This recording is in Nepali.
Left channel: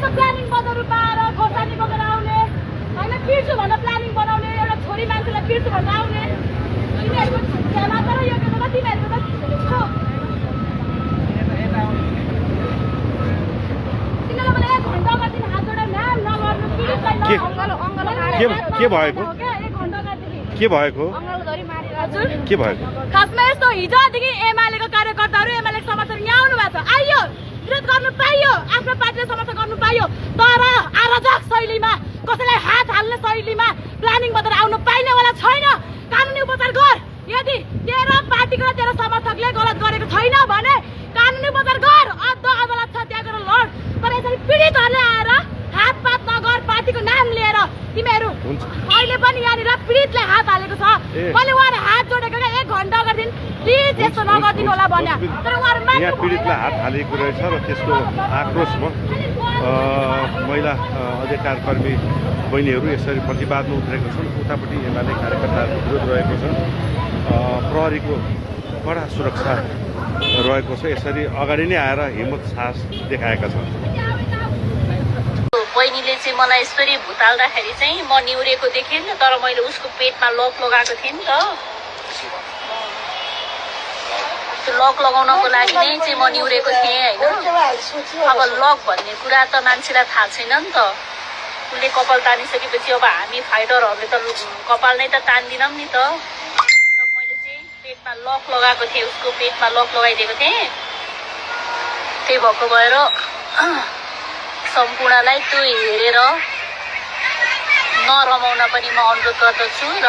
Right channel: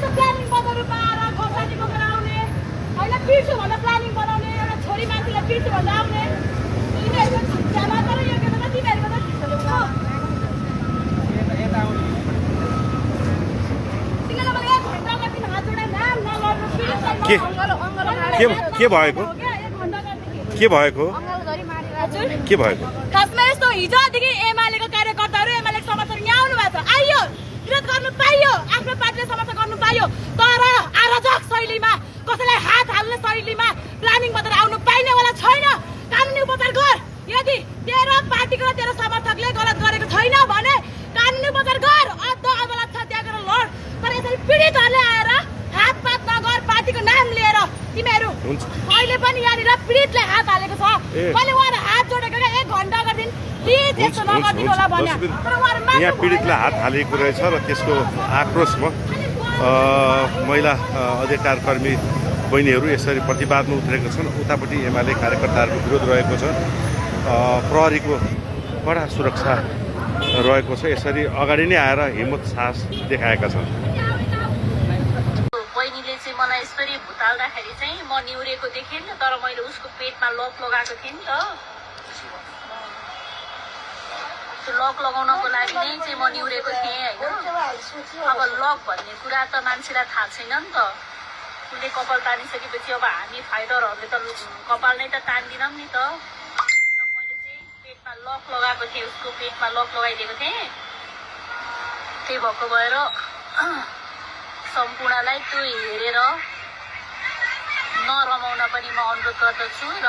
यसो प्लानिङ बदलु पाएर खोर्सानी बोकेर आउने होइन पिर्छु भनेर प्लानिङ बनाउने एउटा छोरी मान्छेलाई पिर्छु भनेर आउने तिमीहरूको झ्याला तर यो बेलामा तिमीहरूको त तिमीलाई मलाई 1 घन्टा अगाडि हात जोडेर नाम नलड्नु पिरितलाई के भएको के भएको के भएको खासमा यस्तो हिजोदेखि एमालेको कार्यकर्ताहरू एमालेको समर्थक यहाँ आउनु भएको छ आइयो विरोध गर्नु पाइयो आफ्नो पार्टीले समर्थन गर्नु पाइयो तर अराजक शैलीमा कसैलाई हात हाल्ने शैलीमा प्लानिङ बदलेर आउनु पाइनेवाला छैन कानुनी उपचार गर यदि तेरो पार्टीको र तेरो समर्थकले गलत गरेको छैन भने कानुनी उपचार गर अदालत छ त्यहाँ गएर लड तर यसरी पीडितहरूले आएर हातपात नगर पार्टीको नाम लिएर तिमीहरू अहिले पनि यहाँनिर पीडितले हात हालेको छ पनि उहाँहरू हात जोडेको 1 घन्टा अगाडि प्लिज यस्तो नगरिदिनु होला भन्यो तर उहाँहरू यहाँ पीडितलाई हात हालेको रहेछ र त्यसको आक्रोशमा महिला अधिकार कर्मी बहिनीहरू यसरी प्रतिवादमा उत्रेका छन् उतापट्टि एमाले कार्यकर्ताहरूको विरोध रहेको छ प्रहरीको कडा सुरक्षा रहेको छ यसरी अगाडि नै आएर हिम्मत साहस देखाएका छन् बहिनीले चाहिँ मलाई यसरी भुताल्दाखेरि चाहिँ म निहुरेको देखेँ नि तर मैले उसको पेटमा लक लगाएको थिएँ नि त त्यो लक लगाउनको लागि नै चाहिँ म निहुरेको थिएँ होइन अब लक भन्ने कुरा त मान्छेलाई थाहा छैन नि त उसले कपाल तानिसकेपछि अब हामी फाइटरहरूले त कपाल नै त तान्दिनौँ नि त र मैले चाहिँ पेटमा लक लगाएको थिएँ उसको पेटमा लक लगाइदिएको थिएँ त्यही भएको भएर सम्पूर्णलाई त्यो हेरेर नरमाउन पनि म अनुरोध गर्दछु र